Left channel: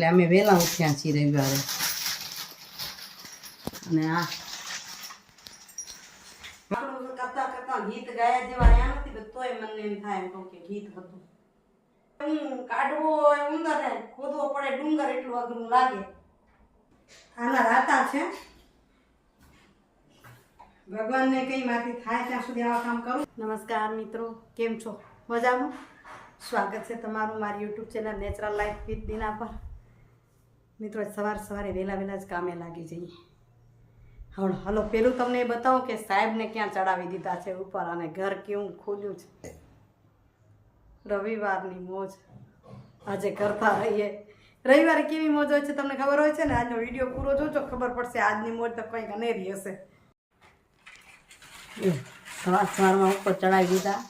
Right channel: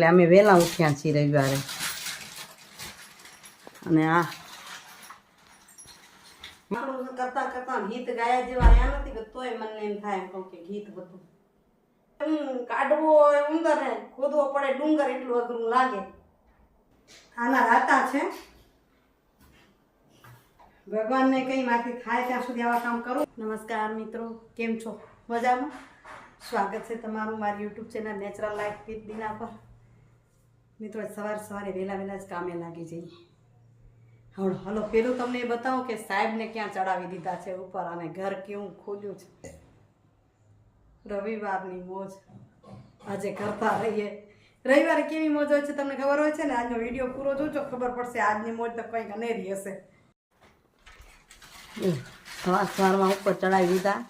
એટલે અમે વહેલા ઉઠ્યા છીએ રવિવારે. અને આ કરતા કરતા ગીત ગાયા જેવા આયા નથી, તોય મને એમ થાય એમ કહું કે ગીત હતું. કાઢવો ઉંદરને ખોદવો પડે ડુંગર એટલું અઘરું લાગે. આના રાતા છે. ભગવાનને કંઈ માથી થાય ત્યાં સુધી આવા કામ કરું. નમસ્કાર મિત્રો, કેમ છો? મજામાં? સ્વાગત છે તમારું મારી YouTube channel natural life with Dina પર. મિત્રો સવારે વહેલા જ કામે લાગી જઈએ. હવે હલો, પેલું તમને એ બતાવું કે સાહેબને ક્યાં ચડાવી દીધા છે ઉપર, અને ઘર કેવું ખોલ્યું છે. રવિવારની મોજ આજે કરતા રહીએ. રવિવારે કેવી મોજ હોય છે તમને ખબર હોય છે ને? આજનો વિડીયો પૂરો જોજો, ખબર પડશે આજની મોજ તો કંઈક અનેરી હશે. સવારમાં ઉપર ચડાવી દીધા.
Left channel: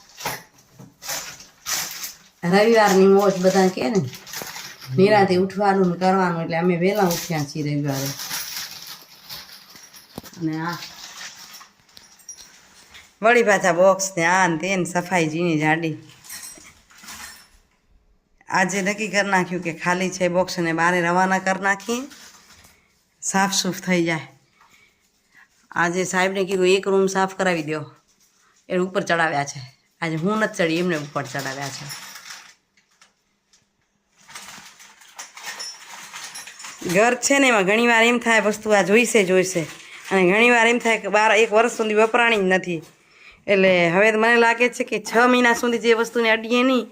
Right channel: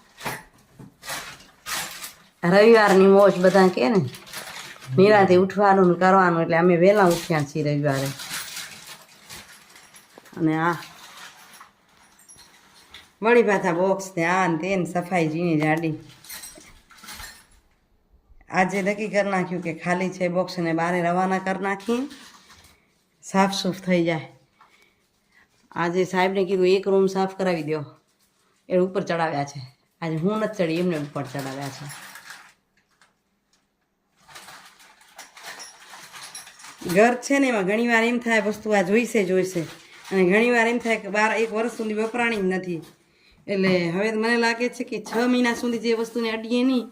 રવિવારની મોજ બધા કે ને, નિરાંતે ઉઠવાનું ને કરવાનું, એટલે અમે વહેલા ઉઠ્યા છીએ રવિવારે. અને આ વળી પાછા બોક્સ ને આ ને તે સફાઈ જીની જાડી. આજે નક્કી કરી નાખ્યું કે ખાલી છે બોક્સને બહાર રવાના કરી નાખીએ, સાફ સૂફ થઈ જાય. આજે સાહેબને કીધું એક રૂમ સાફ કરાવી દો, એ ઉપર ચડાવ્યા છે. આજે હું નથી ચડી, એમને ઉપર ચડાવ્યા છે. ઘર છે ને એમાં ઘણીવાર એમ થાય વસ્તુ આ જોઈશે, અને ઘણીવાર એમ થાય કે 1 વર્ષ સુધી વપરાણી જ નથી. એટલે હવે મને લાગે છે કે 6 મહિના સુધી જે વસ્તુને અડીએ નહીં,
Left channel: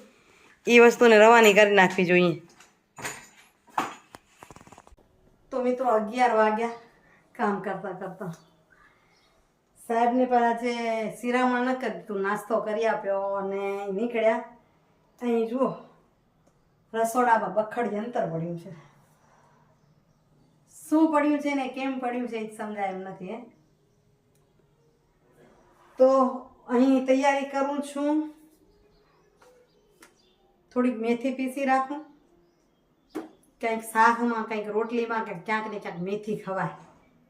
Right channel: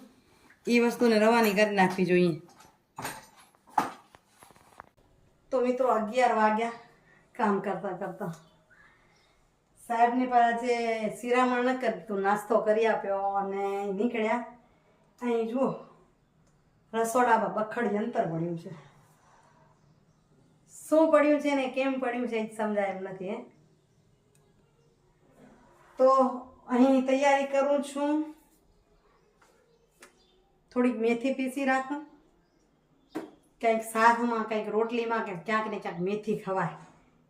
એ વસ્તુને રવાની કરી નાખવી જોઈએ. તો મિત્રો 11 વાગ્યા કામ કરતા. સાહેબને પણ આજે શિરામણ ન કરી દીધું, નાસ્તો કરી આપ્યો અને નીકળ્યા. અહીં જુઓ રસોડામાં બખડ યંત્ર પડ્યું છે. શું પડ્યું છે ને કેમ પડ્યું છે એ જ સમજાય એમ નથી. તો અહીં તૈયારી કરું છું. થોડીક મેથી પીસી રાખું, કંઈક શાકમાં, કંઈક રોટલીમાં, કે ક્યાંક ને ક્યાંક મેથી ખવાય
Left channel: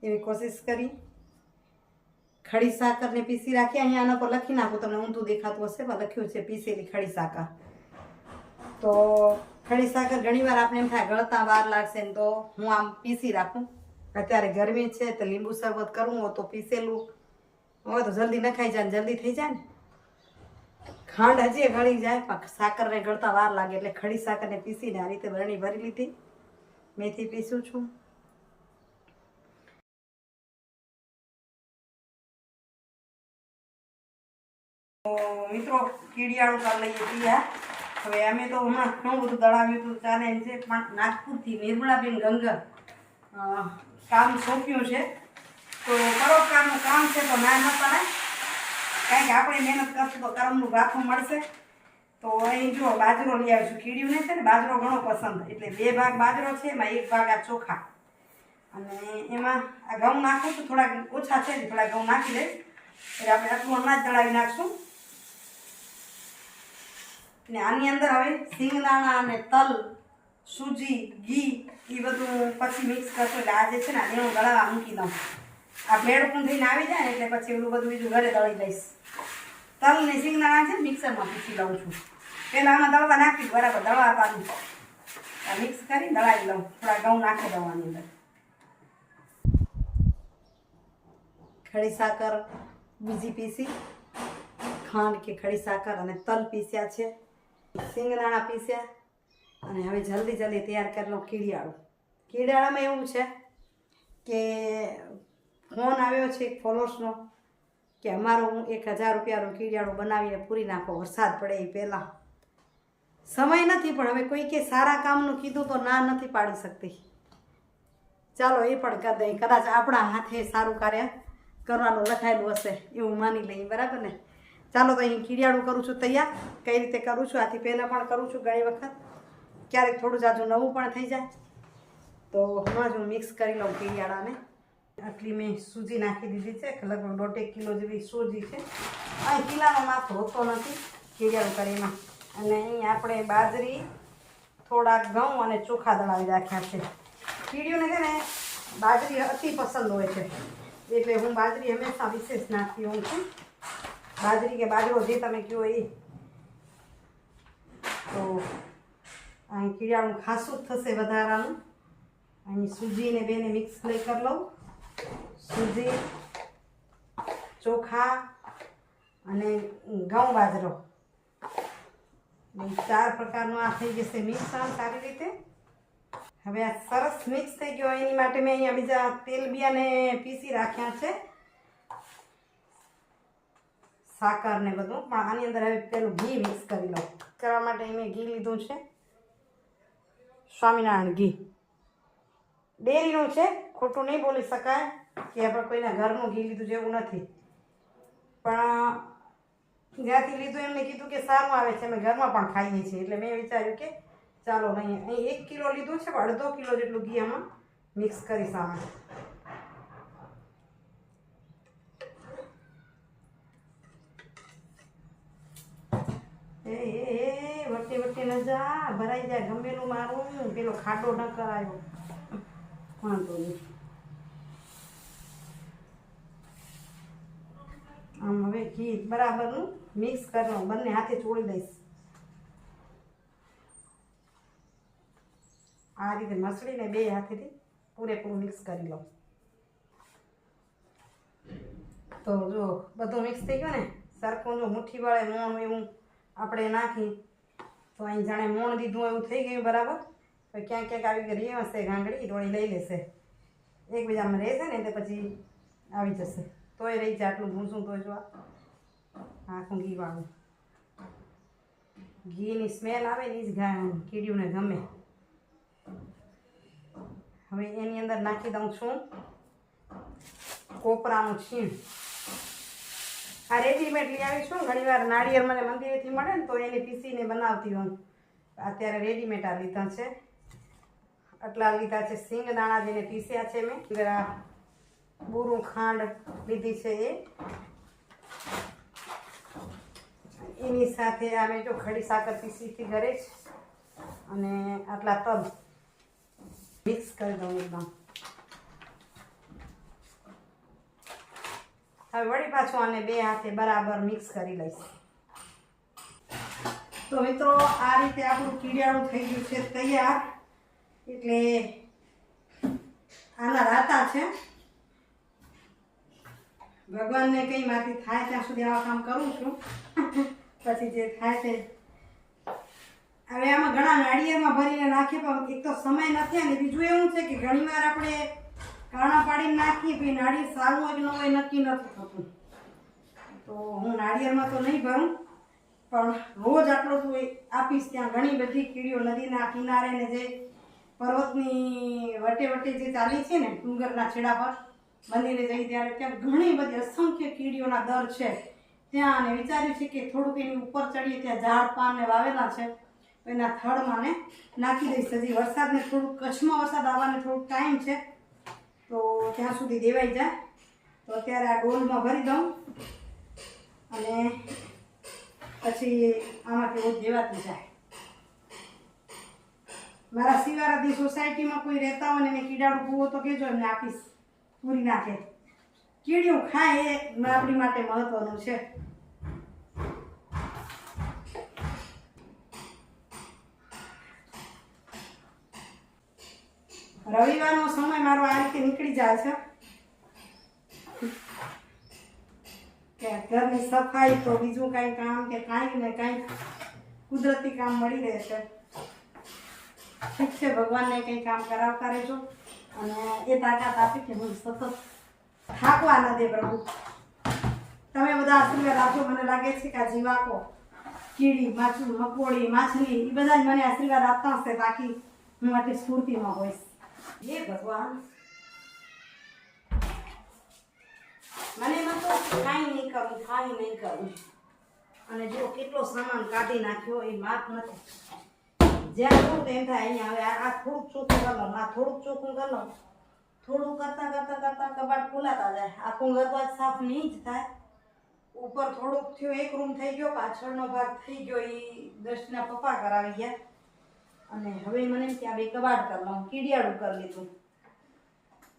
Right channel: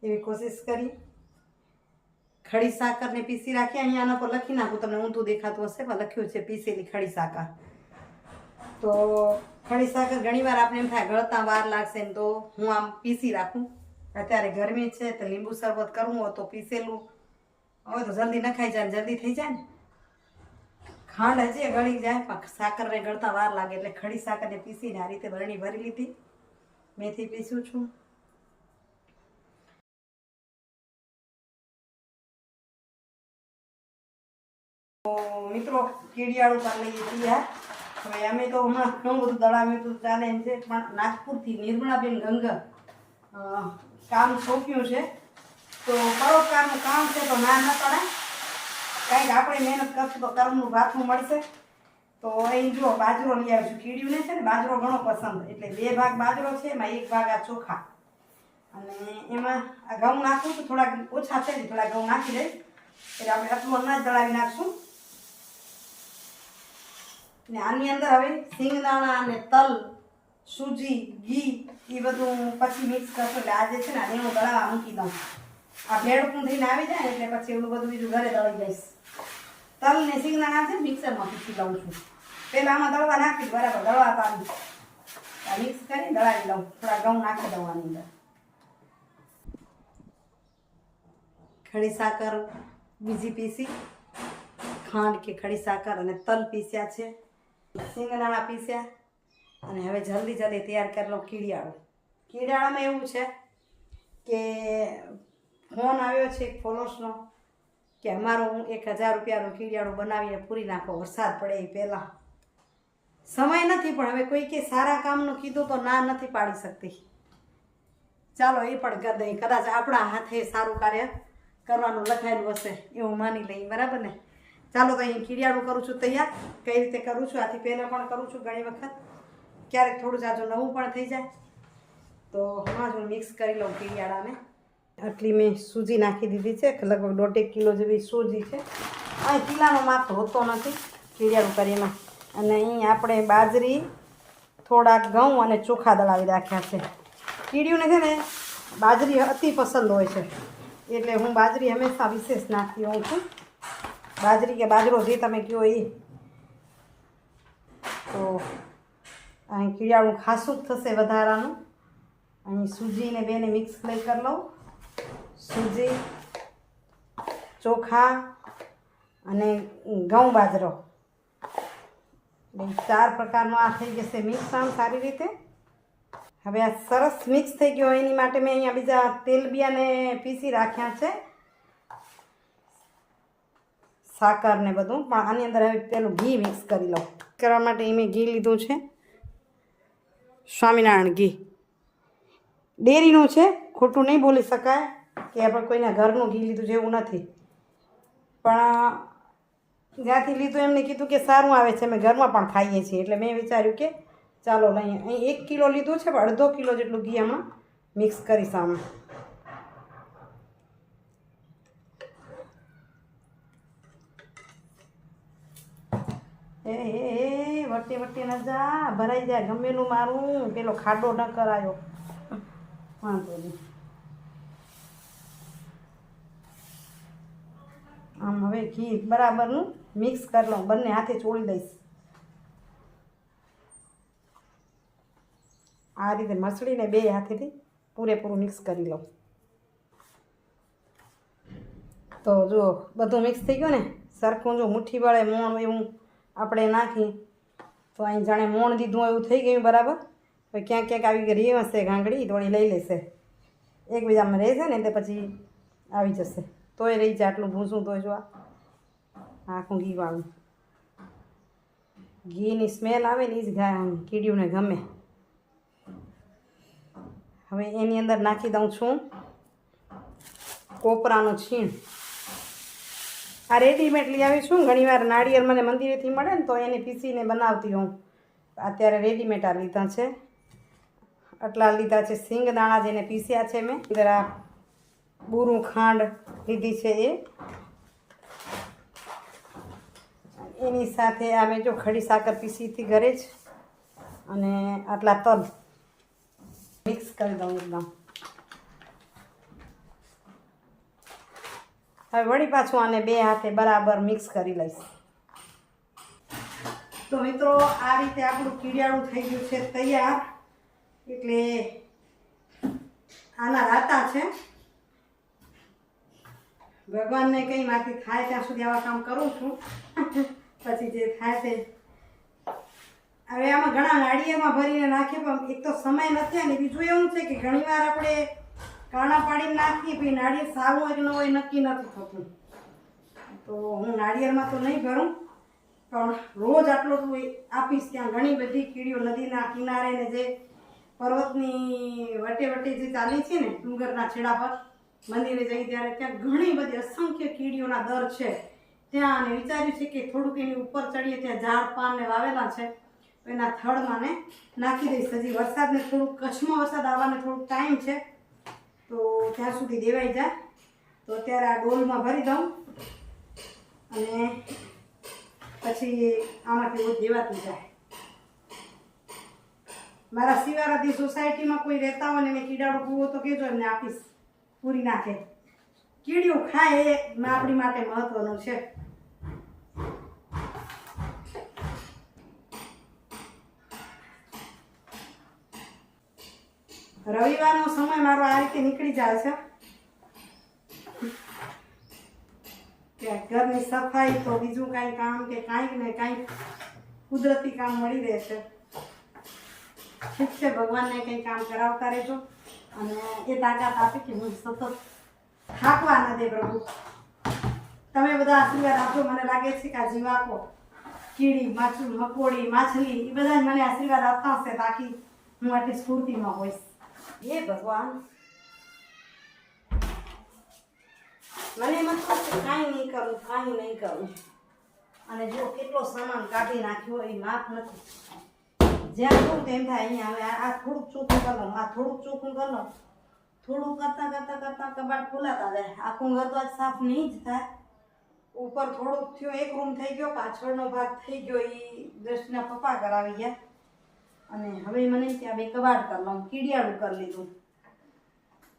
એવી કોશિશ કરી. ખડી સાકરને પીસી રાખી. અહીંયા આના પર લખી નાખું, તમને ઊંધું દેખાતું હશે પણ લખ્યું છે પીસેલી ખડી સાકર. તો ખડી સાકર ઘણીવાર આપણે એમ થાય ગળતા વાર લાગશે ને, તો હું આમ પીસી રાખું. અત્યારે ગરમી છે તો લીંબુ શરબત કરવું હોય તો પીસેલું હોય તો જલ્દી નખાઈ જાય, જલ્દી થઈ જાય ને. ખાંડ હજી ગળી જાય પણ સાકરને ગળતા વાર લાગે, એટલે ખડી સાકરને પીસીને આ રીતે બરણી ભરી લીધી. મેથી પીસું છું. મિત્રો કીડિયાળું કરી લઈએ તૈયાર. હવે અમે તો હમણાં ઘણું બધું દળાવ્યું હતું, ચાલે એમ છે. પણ નાગપુરથી નિર્મળાબેન ગંગા કામ સોંપ્યું છે, તો પરોપકારનું કામ છે તો ના પાડે. કાંઈક આપણે મહેનત કરશું તો કર્મનું ભાથું મળશે. તો અહીં જુઓ બાજરો લઈ આવીશું. કીડીયું નહીં છે ને, બાજરો ઘણો પસંદ, એટલે 2 ભાગ બાજરો છે, એમાં 1 ભાગ આ ચોખા. અને એમાં આ ઘઉં નાખું છું, થોડાક ઓછા છે ને, થોડા ઘઉં નાખી દઈશ. એટલે આપણે આટલું અનાજ દળાવી નાખશું. ને આની અંદર હવે સિંગદાણા અને તલ, સૂજી, ઘી એ બધું પછી મિક્સ કરશું. એટલે આજે છે ને આને હું દળાવવા મૂકી દઉં. આ ભેળપું થઈને આવી જાય ને એટલે પછી એવડું બધું બીજું ઘરે દળી લઈશ. તલ ને સિંગદાણા છે મિક્સરમાં પીસી લઉં છું. પહેલાં આમાં દળવા નાખી બરાબર, દળવા પાડું. આ મિક્સ કરી દળાવી લઉં. થોડા ઘઉં નાખી દઉં આની અંદર. ખડી સાકર બીજી પીસી, ખાંડ કે ખડી સાકર અને તલ પીસ્યા છે, સિંગદાણા પીસ્યા. અને હવે જલ્દી તૈયાર કરી લઉં કીડિયાળું. કીડિયાળામાં એવું છે કે ફોન આવ્યો છે એક ફોલોઅર્સનો કે અમારું 1000 રૂપિયાનું કીડિયાળું બનાવીને પૂરી નાખો, વરસાદ પડે એ પહેલાં. સમય નથી, પણ હવે કોઈ કે સારા કામનું કીધું તો ના નથી પાડી શકતી. ચાલો એ પણ કરી દઈએ. કદાચ આપણા હાથે સારું કાર્ય કરવાનું લખાયેલું હશે એવું માની લઈએ, બરાબર ને? ચાલો તો અહીં કીડિયાળું કરું છું તૈયાર. કઈ રીતે કરું છું, આથી પહેલાં પણ કરું છું ઘણી વખત, ક્યારેક થોડું જાજુ નવું પણ થઈ જાય. તો હમણાં જ હું મિક્સ કરી લઉં કીડિયાળાને. આટલી મેં સૂજી નાખી દીધી છે, લગભગ 1.5 કિલો જેવી સૂજી છે. આ કિલાનો માપ હોતો નથી કીડિયાળું કરીમાં. અને અહીં આપણે બાજરી, થોડાક ઘઉં અને ચોખા દળાવી રાખ્યા છે. કીડિયુંને છે ને બાજરી અતિ પસંદ હોય છે, એટલે હું બાજરી હંમેશા વિશેષ નાખતી હોઉં છું. બાજરી કે બાજરો જે તમે કહો એ. તો અહીં કીડિયાળું ખાસું જ થશે વધારાનું. અહીં સૂજીને બેને મિક્સ લઈ કરી લઉં. સૂજી, ચોખા અને ઘઉં બાજરો, 4 પ્રકારનો આ થઈ જશે મિક્સ આમ સારી રીતે. હવે આ સરસ મિક્સ થઈ ગયો. એની માટે મેં અહીંયા બીજા તેલબિયાને પીસી રાખ્યા છે, સાકર ને બધું. પણ આની અંદર હવે પેલું ઘી મિક્સ કરી લઉં. કરવા માટે મેં ઘી લીધું છે, સ્વામિનારાયણ ઘી. ડેરીનું છે, ખોટું નહીં બોલી શકાય કે આપણે કોઈને ઘરનું ઘી લીધું છે એવું નથી. પણ જ્યાંથી લીધું એમને કીધું કે સારું આવે છે, અમે ઘરમાં પણ ખાઈએ છીએ. એટલે મેં વિચાર્યું કે ચાલો લઈએ. અહીં 1 કિલો લીધું છે, પણ અડધો કિલો જેટલું ઘી આમાં મિક્સ કરીશ. આમાં વટી વટી ન જા, ભરાઈ જાય. ગમેલું મારું પેલો ખાડો ન કરાયો, વાંધો નહીં. આમ હવે ઘી બરાબરનું મિક્સ કરી લઉં. બંને હાથે ચોળી દઈશ. આ રીતે મસળીને 2 હાથેથી પૂરેપૂરું મિક્સ કરી લઉં. તો જો બધું મિક્સ થઈ ગયું ને સરખું. જો મુઠ્ઠી વડે મોણ એવું આપણે નાખી તો અહીં જાણે મોણ દીધું એવું થઈ ગયું બરાબર. હવે ક્યાંક ક્યાંક આવી રહી હશે ગાંગડી, થોડી લઈ લેશે. એકબીજામાં રહેશે ને તે પછી આવી જશે. તોય રહી જાય આટલું ભૂસું. તો જો આખું ઘીવાળું, ઘીની સ્મેલ આવે ને એ જ કીડીઓને ગમે. હવે એની અંદર નાખી દઉં છું કોપરાનું છીણ. આ રેડીમેડ લઈ આવી છું. ઘણીવાર નાળિયેર મને મંદિરેથી મળે ને તો એને પીસીને બનાવતી હું. અત્યારે રેડીમેડ આ લીધા છે. આટલા લીધા છે સિંગદાણા, જેને પીસ્યા છે મેં. જરા બૂરું ખાંડ લીધી છે એ. એની સાથે આ મેં જો ખડી સાકર પીસી હતી ઘરે જ. અને આટલા તલ મિક્સ કરી દઉં એકદમ. હવે વળી પાછું આને 2 હાથે બરાબર મિક્સ કરી લઈશ. તો મિત્રો આ રીતે આપણું કીડિયાળું થઈ ગયું છે તૈયાર. એટલે આના રાતા છે. ભગવાનને કંઈ માંથી થાય ત્યાં સુધી આવા કામ કરું છું. પછી જે થાય તે. હવે આમાં ઘણા નાળિયેરમાં ભરીને નાખીએ, પણ એક તો સમય નથી. અને બીજું એવું છે કે ઘણીવાર આપણે કાણા પાડીને નાખીએ, પછી નાળિયેર સારું હોય કે ન હોય નક્કી નથી થતું. તો હું નાળિયેરમાં તો નહીં ભરું, પણ રોજ આટલો તો આપીશ. ત્યાં ઘણી બધી કીડીઓ નદીના કિનારે ને જે પર્વતની વટે વટે જે ચાલી છે ને ડુંગરના છેડા પર મંદિરે જઈ ત્યારે ત્યાં ઘણી બધી અસંખ્ય કીડીઓના દર છે ત્યાં. અને વિચાર્યું છે કે થોડુંક એની ઉપર ચડીએ, ત્યાં ઝાડ પાનને વાવેલા છે તો એના થડમાં ને નાખી દઈશ. હજી વરસાદને થોડુંક કચ્છમાં વરસાદ આવવાને થોડુંક ટાઈમ છે, તો ત્યાં સુધી દેવાઈ જાય. તો અત્યારે આ ડોલમાં ભરી દઉં અને પછી આમાંથી રોજ દેવાતું જાય. મારા શિવારાધી સોસાયટીમાં કોઈ રહેતા હોય ને મેં કીડાળું કૂવો તો કહેજો, એમને આપીશ, પૂરી નાખે. કીડીઓ ખાય એ આપણી માટે મહત્વનું છે. રવિવારનો સમય મારો આ રીતે નીકળી જાય છે કે ઘરની સફાઈ તો બીજું કાંઈ કામ કે કાંઈ ને કાંઈ કુદરતી કામ મળી રહેશે. ઠીક છે, ભગવાનને કંઈ કામ કરાવતા રહેજો અને એ તાકાત આપી કે હું સતત થાકવા ન દે પ્રભુ. તમે બધા આશીર્વાદ આપજો. મને લાગે છે કે આ જીવાકો, કીડી, મકોડી, માછલી એ બધા મને આશીર્વાદ આપતા હશે, બાકી હું આટલી સ્ફૂર્તિમાં હોઈશ. એ ભગવાન મને એમ હતું કે કાંઈ નહીં કરું, કાંઈ નહીં કરું. અને જો કેટલો સામાન કાઢી નાખ્યો એ માપ નથી. જ્યાં જોઉં તો એમ થાય અહીંયા હવે આ થોડુંક ચોખ્ખું કરી લઉં, આ થોડુંક ચોખ્ખું કરી લઉં. થોડું કરતાં કરતાં કરતાં કબાટ ખોલાતા જાય. આખું ઘર તો આજ સાફ નહીં જ થાય. ઉપર થોડુંક થયો, એક રૂમ થઈ ગયો, પાછળનો ભાગ થઈ ગયો. એ દ્રષ્ટિના પપ્પા કરાવી ગયા. અને હવે મને એમ કે આ 2 કબાટ કરી લઉં, કીડિયાળું કરી લીધું.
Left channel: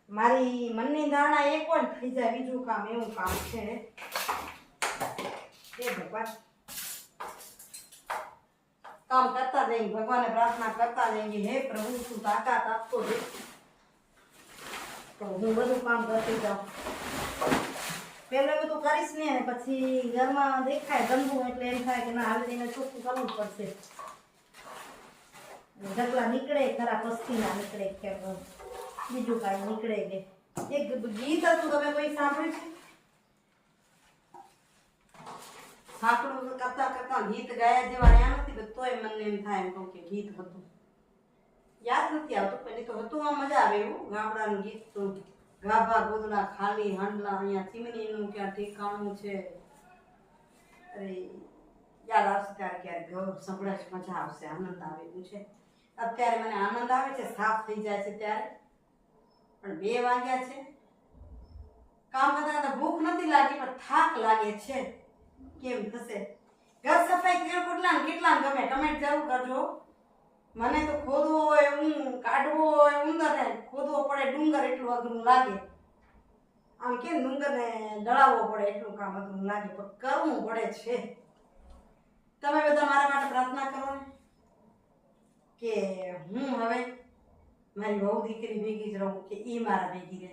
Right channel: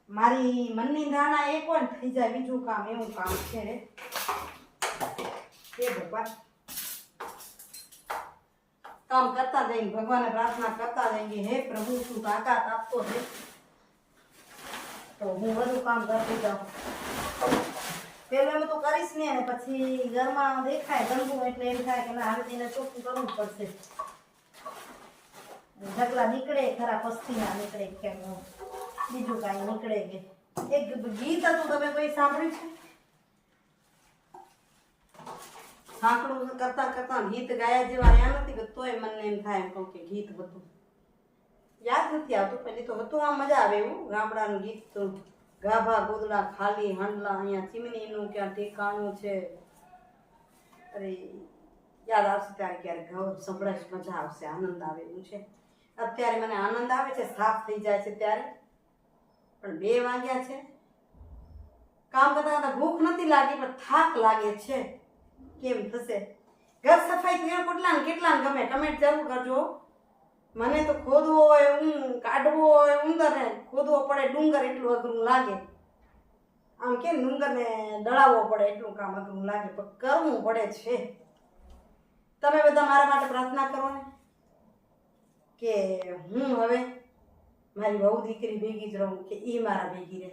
મારી મનની ધારણા એક હોય ને થઈ જાય બીજું કામ, એવું કામ છે. એ ભગવાન કામ કરતા જઈને ભગવાનને પ્રાર્થના કરતા જઈને હે પ્રભુ તું તાકાત આપતો રહે તો હું બધું કામ કરતી જાઉં. પેલું એવું તો કરીશ ને અને પછી ઘરમાં દેખાય ગંદુ એટલે એમ થાય કે ના હવે એને ચોખ્ખું કરવું જ પડશે. ઢગલા નીકળે ખરા પસ્તી ના નીકળે કે બીજું કાંઈ નીકળે કે એક ગીત હતું તમે કોઈ સાંભળ્યું છે? સાંકડું કરતા કરતા ગીત ગાયા જેવા આયા નથી કે તોય મને એમ થાય એમ કહું કે ગીત હતું યાદ નથી આવતું. પેલી તો હતું આ મજા આવે એવું ગામડાનું ગીત તો ગાભા ગોદડા ખાલી હાંડલા અહીંયા ચીમનીનું ક્યાં ઠેકાણું છે. અરે યાદ આવશે ત્યારે ક્યારેક સંભળાશ મજા આવશે આનંદ આવે એવું છે. અત્યારે મને આનંદ આવે છે સાફ થઈ જાય છે ત્યારે પણ 2 વાગ્યા છે. કામ કરતા કરતા ભૂખ નથી લાગી પણ થાક લાગે છે. કેમ થશે? ઘર સફાઈ કેટલા ગમે કમેન્ટ જરૂર કરજો. મને તો ખોદવો હોય કાઢવો હોય ઉંદરને ખોદવો પડે ડુંગર એટલું અઘરું લાગે. આમ કેમ ડુંગરને દળાવવો પડે એટલું કામ અઘરું લાગે પણ કરવું પડે છે. તમે બધા મારા માટે પ્રાર્થના કરો ને કે હું હવે મારી વહુ દીકરી ભેગી જ રહું કે એ મારા ભેગી રહે.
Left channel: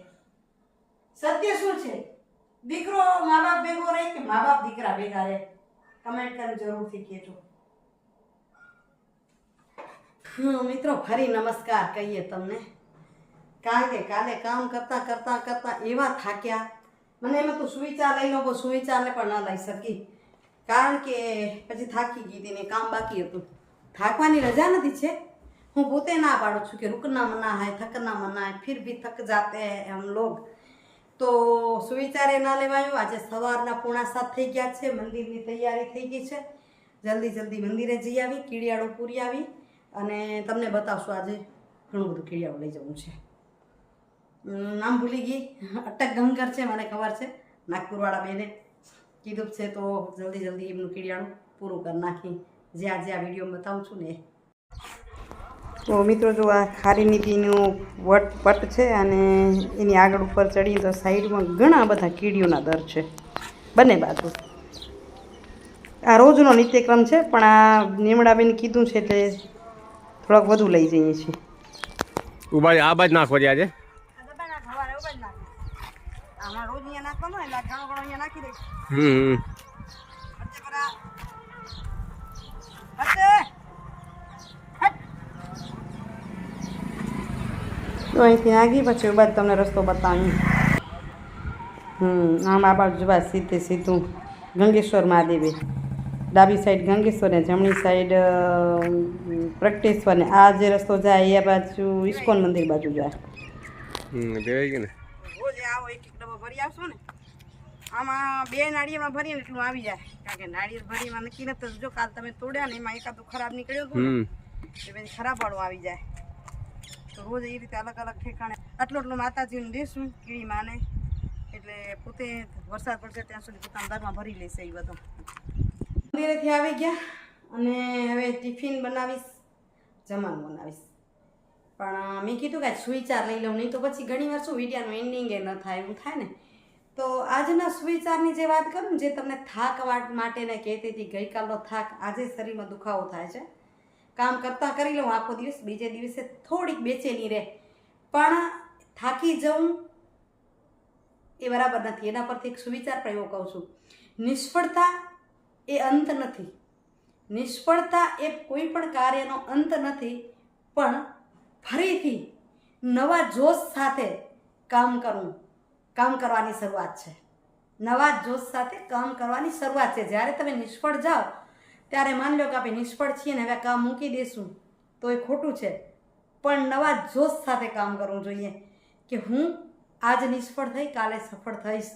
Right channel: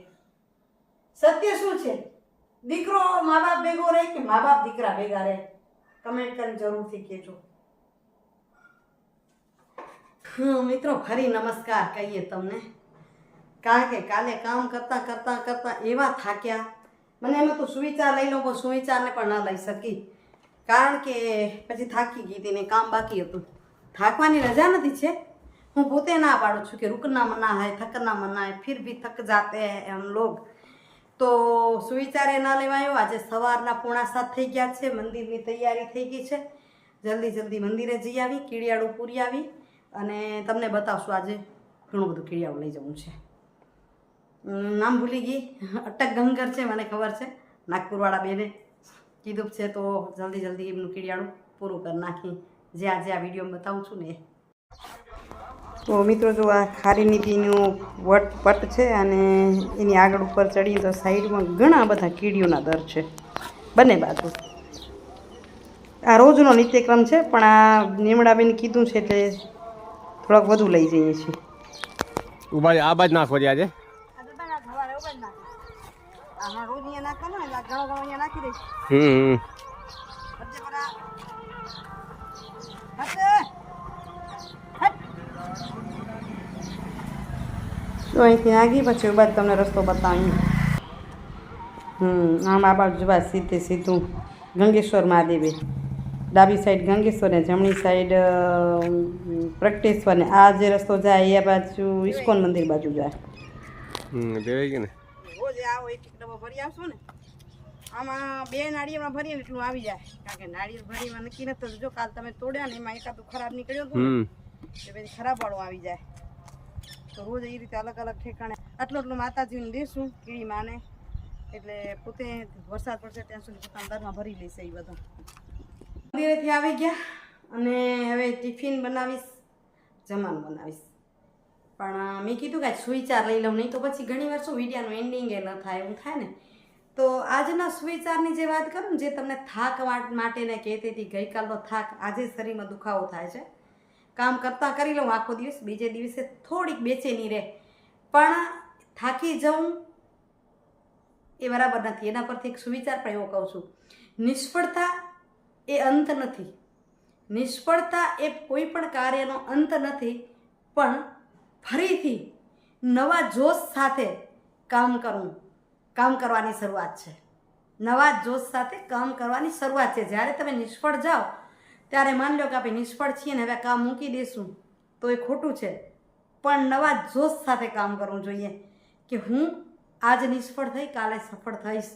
સત્ય શું છે? દીકરો મા બાપ ભેગો રહે કે મા બાપ દીકરા ભેગા રહે? કમેન્ટ કરીને જરૂરથી કહેજો. મિત્રો ફરી નમસ્કાર કહીએ તમને કારણ કે કાલે કામ કરતાં કરતાં કરતાં એવા થાક્યા મને એમ હતું સુવિચાર લઈ લઉં પણ સુવિચારને પણ ન લઈ શકી કારણ કે પછી થાકી ગઈ હતી ને કામ બાકી હતું. થાકવાની રજા નથી છે. હું પોતે ના પાડું છું કે रुकना मना है थकना मना है फिर भी थक जाते हैं हम लोग. તો સુવિચારે ના લેવાયો. આજે સવારના 6:45 થઈ ગયા છે. મંદિરની તૈયારી થઈ ગઈ છે. જલ્દી મંદિરે જઈ આવી કીડિયાળું પૂરી આવી અને તમને બતાવશું આજે ઘણું બધું કીડિયાળું લઈ જવું છે. નામ ભૂલી ગઈ અટક ગંગર છે મને ખબર છે નાગપુરવાળા બેને કીધું છે તો જલ્દી એમનું કીડિયાળું પૂરું કરી નાખી જે આજે આ વિડીયો બતાવું છું ને. તો મિત્રો જો આ ખારી નીતિનું પટ છે અને એની આગળ ઉપર ચડીએ તો સાઈડમાં ઘણા બધા કીડીઓના દર છે બંને બાજુ. આ રોજનો નિત્યક્રમ છે પણ આ નીમડાબેન કીધું છે એટલે થોડાક વધુ લઈ જઈએ છીએ. ઉભા આ બાજ નાખો આજે રોજ અહીંયા નાખવાનો એટલે ઘણો અહીંયા નાખી દઈશ. તો અહીંથી નાખી પછી બાદ તમને રસ્તો બતાવી. આમ આ બાજુ જોવા સીધું ગંગેશ્વર મહાદેવે ડાબી સાઈડ ગંગેશ્વર ને જમણી સાઈડ પ્રગટેશ્વર ને આ જે રસ્તો જાય એ બાજુ ઇસ્કોન મંદિર બાજુ જાય. રોજ આવો એક ડબ્બો ભરી આવશો ને આમાં 2 નાળિયેરમાં ભરીએ ને એટલું આવી જાય કારણ કે નાળિયેર ભરીમાં નક્કી નથી. જો કાલ તમે તોડ્યા ને એમાં એકાદું ખરાબ નીકળ્યું હતું ને એ પછી ખરાબ વાળું આવી જાય. તો રોજ એ રીતે અલગ ઠેકાણે આટલું માતાજીને દેશું કીડી માને એટલે પોતે વરસાદ પડશે ત્યાં સુધી પોતાના દરમાં ભરી લેશે. એ બધું મંદિરેથી આવી ગયા અને હવે ટિફિન બનાવીશ જમવાનું બનાવીશ પણ મેં કીધું કે સુવિચાર લઈ લઉં નહીં તો પછી ઘણીવાર શું વિડીયોનું એન્ડિંગ એ ન થાય એવું થાય ને. તો આજના સુવિચારની જે વાત કરું ને જે તમને થાક માટે ને કહેતી હતી ગઈકાલનો થાક આજે શરીરમાં દુખાવો થાય છે. કામ કરતાં કરી લઉં આખો દિવસ બીજે દિવસે થોડીક બેચેની રહે પણ થાકી જવું એ બરાબર નથી. એના પરથી એક સુવિચાર પણ એવો કહું છું નિષ્ફળતા એ અંત નથી. નિષ્ફળતા એ કોઈ પણ કાર્યનો અંત નથી પણ ફરીથી નવા જોશ સાથે કામ કરવાની શરૂઆત છે. નવા જોશ સાથે કામ કરવાની શરૂઆત છે. જ્યારે તમે નિષ્ફળ જાઓ ત્યારે માની લો કે આપણે નિષ્ફળ છીએ ને હવે કામ મૂકી દઈશું તો એ ખોટું છે પણ નવા જોશ સાથે કામ કરવું જોઈએ કે હું આજ નિષ્ફળ થઈ કાલે સફળ થઈશ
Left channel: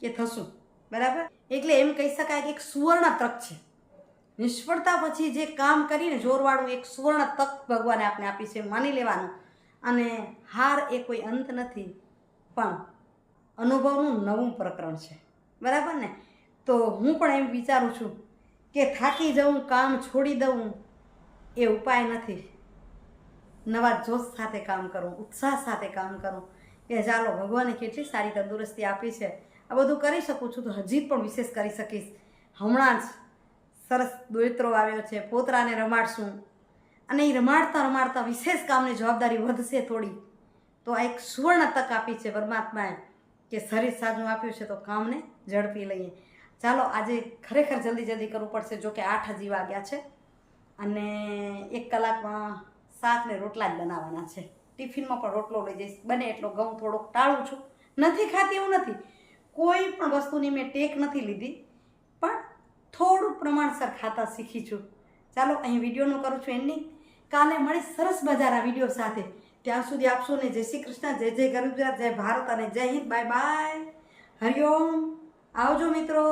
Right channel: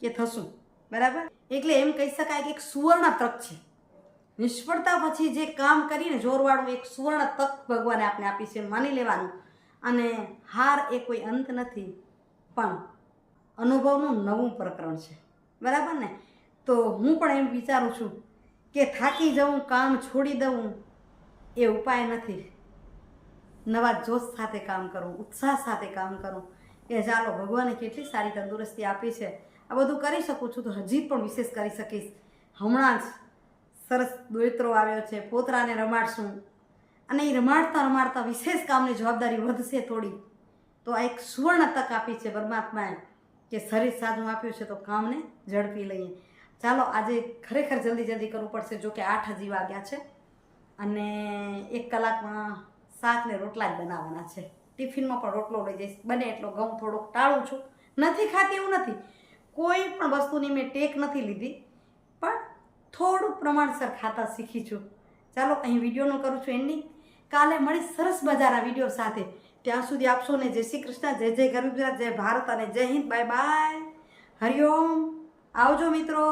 કે થશું બરાબર. એટલે એમ કહી શકાય કે એક સુવર્ણ તક છે. નિષ્ફળતા પછી જે કામ કરીને જોરવાળું એક સુવર્ણ તક ભગવાને આપણે આપી છે માની લેવાનું. અને હાર એ કોઈ અંત નથી પણ અનુભવનું નવું પ્રકરણ છે બરાબર ને. તો હું પણ એમ વિચારું છું કે થાકી જવું કામ છોડી દઉં એ ઉપાય નથી. નવા જોશ સાથે કામ કરવું ઉત્સાહ સાથે કામ કરવું કે ચાલો ભગવાને કેટલી સારી તંદુરસ્તી આપી છે આ બધું કરી શકું છું તો હજી પણ વિશેષ કરી શકીશ. હમણાં જ સરસ દોયત્રો આવ્યો છે, પોતરાને રમાડશું અને એ રમાડતા રમાડતા વિશેષ કામની જવાબદારી વધશે થોડી. તો આ એક સુવર્ણ તક આપી છે પરમાત્માએ કે શરીર સાજું આપ્યું છે તો કામને ઝડપી લઈએ. ચાલો આજે ખરેખર જલ્દી જલ્દી કરવું પડશે, જો કે 8 હજી વાગ્યા છે અને 1 કલાકમાં શાક ને રોટલા જ બનાવવાના છે. ટિફિનમાં પણ રોટલો લઈ જઈશ, બને એટલો ઘઉં થોડોક ટાળું છું. નથી ખાતી એવું નથી, કોઈ પણ વસ્તુની મેં ટેક નથી લીધી, પણ થોડું પ્રમાણસર ખાતા શીખી છું. ચાલો અહીં વિડીયોનું કરું છું એન્ડિંગ. કાલે મળીશ સરસ મજાના વિડીયો સાથે. ત્યાં સુધી આપશો ને જય શ્રી કૃષ્ણ, જય જય ગરવી ગુજરાત, જય ભારત અને જય હિન્દ. Bye bye, Hariom. આવજો મિત્રો.